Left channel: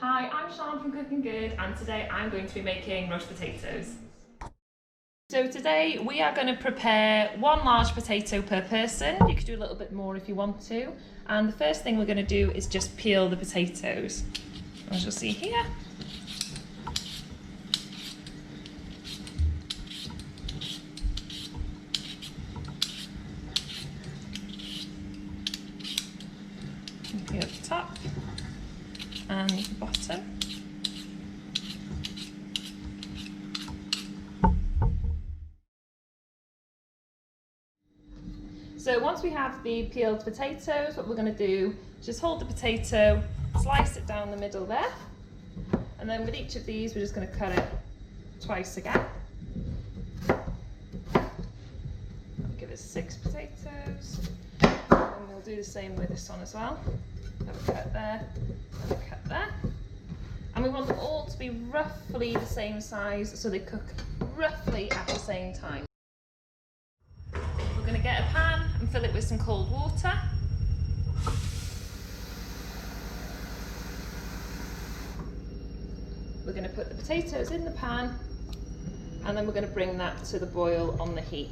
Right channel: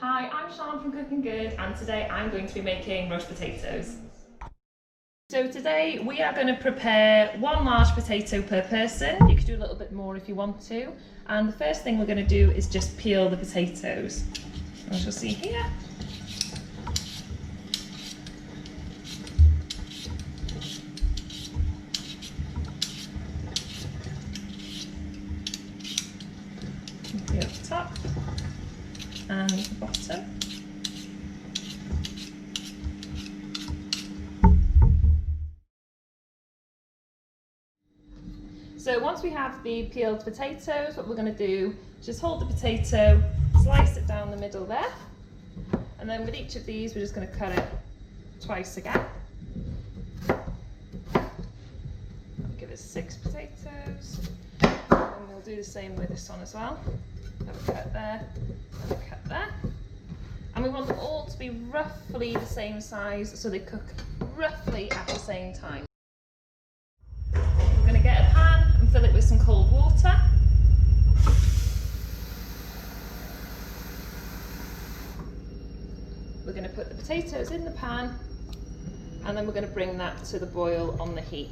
Hi, I'm Sian from Cooking Good, and today I'm going to be making roast potatoes. So today we are going to prepare 1 large potato per person. You could do a little bit more if you want to. And the first thing we're going to do is just peel the potatoes. As you'll see here. Peel the top and the bottom. So once we have the peeled potatoes, what we're going to do is just hold the potato, slice it down the middle there, and then with each of these we're just going to cut it twice again. I'll give it 6 potatoes, and we'll do the same with this one as well. Have a cut there and a cut there. And we want them all to be roughly the same size so they cook roughly at the same time. We're going to get a pan and fill it with some cold water. We're going to put the potatoes in the pan and then we're going to bring that to the boil on the heat.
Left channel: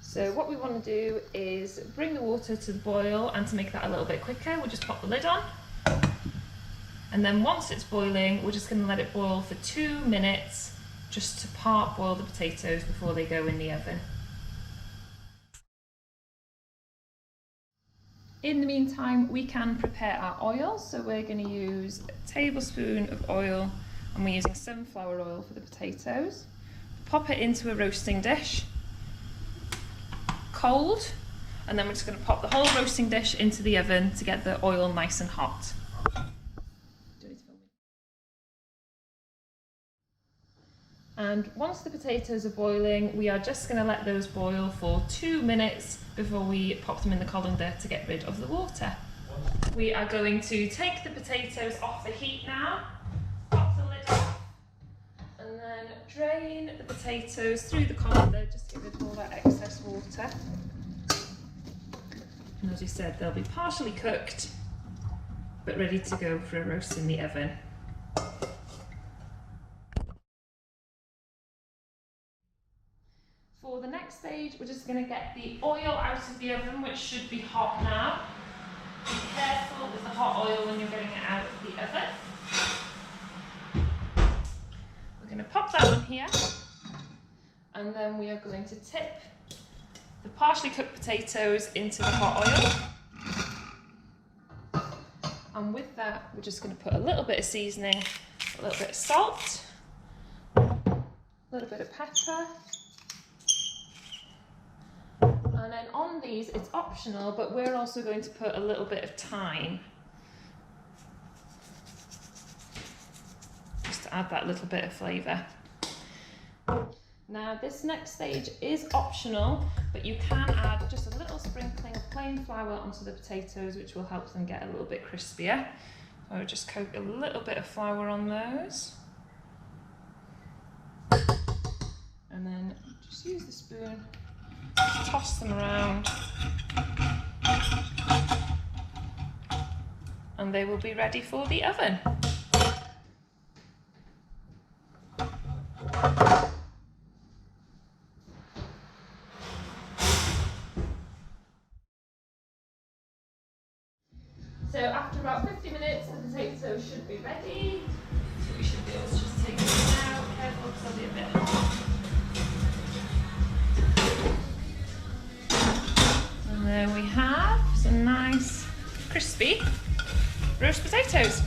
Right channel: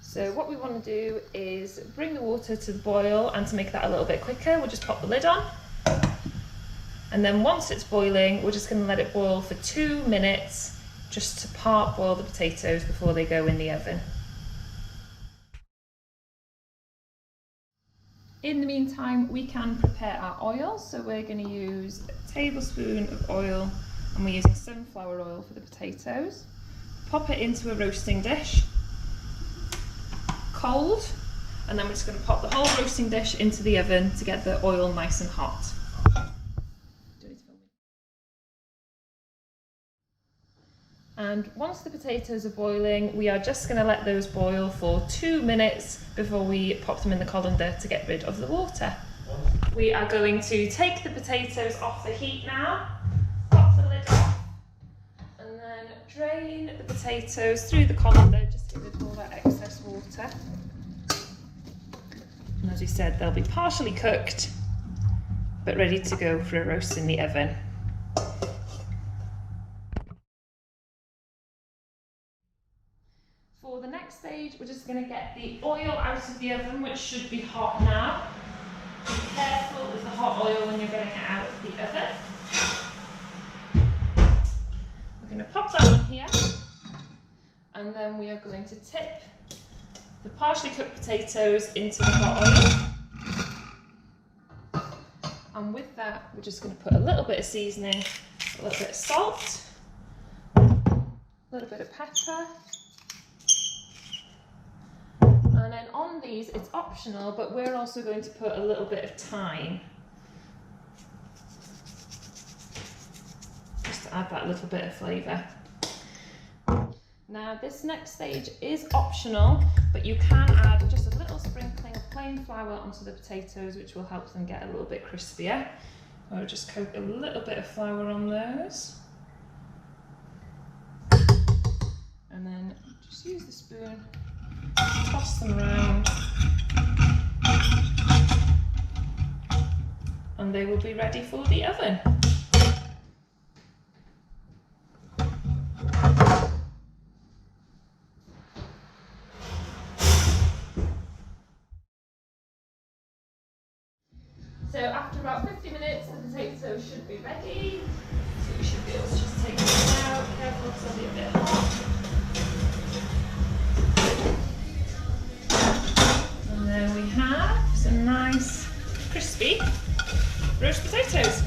So what we want to do is bring the water to the boil, and to make that a little bit quicker, we'll just pop the lid on. And then once it's boiling, we're just going to let it boil for 2 minutes, just to part boil the potatoes before they go in the oven. In the meantime, we can prepare our oil. So we're going to use a tablespoon of oil, and we're using sunflower oil for the potatoes. Pop it into a roasting dish. Cold, and then we're just going to pop the whole roasting dish into the oven to get the oil nice and hot. And once the potatoes are boiling, we are just going to let those boil for 2 minutes before we pop them in the colander to get rid of the water. We are going to take the potatoes off the heat now, pop the lid off, and then drain the potatoes through the colander just to get rid of all that excess water. And as we said, they'll be partially cooked but ready to go for a roast in the oven. For the next stage, we're just going to get the oil out of the oven, which should be hot now. Be careful with the hot oil when you're getting it out of the oven. We're going to pop that on here, and then we are going to tip the partially cooked potatoes into the hot oil. And with that, we're just going to put a little bit of seasoning, a little bit of salt, a little bit of pepper. And then on these, it's optional, but we're also going to put a little bit of thyme, just to add that little bit of flavour. Now this next stage is optional, but you can add just a little sprinkling of plain flour onto the potatoes, which will help them get a little bit crispier. So I'll just coat a little bit of flour on those. And then just use the spoon, toss them around, and they will be ready for the oven. So after about 50 minutes, the potatoes should be ready. So we should be able to just take them out. Careful because they'll be a bit hot. And there we have some nice crispy roast potatoes.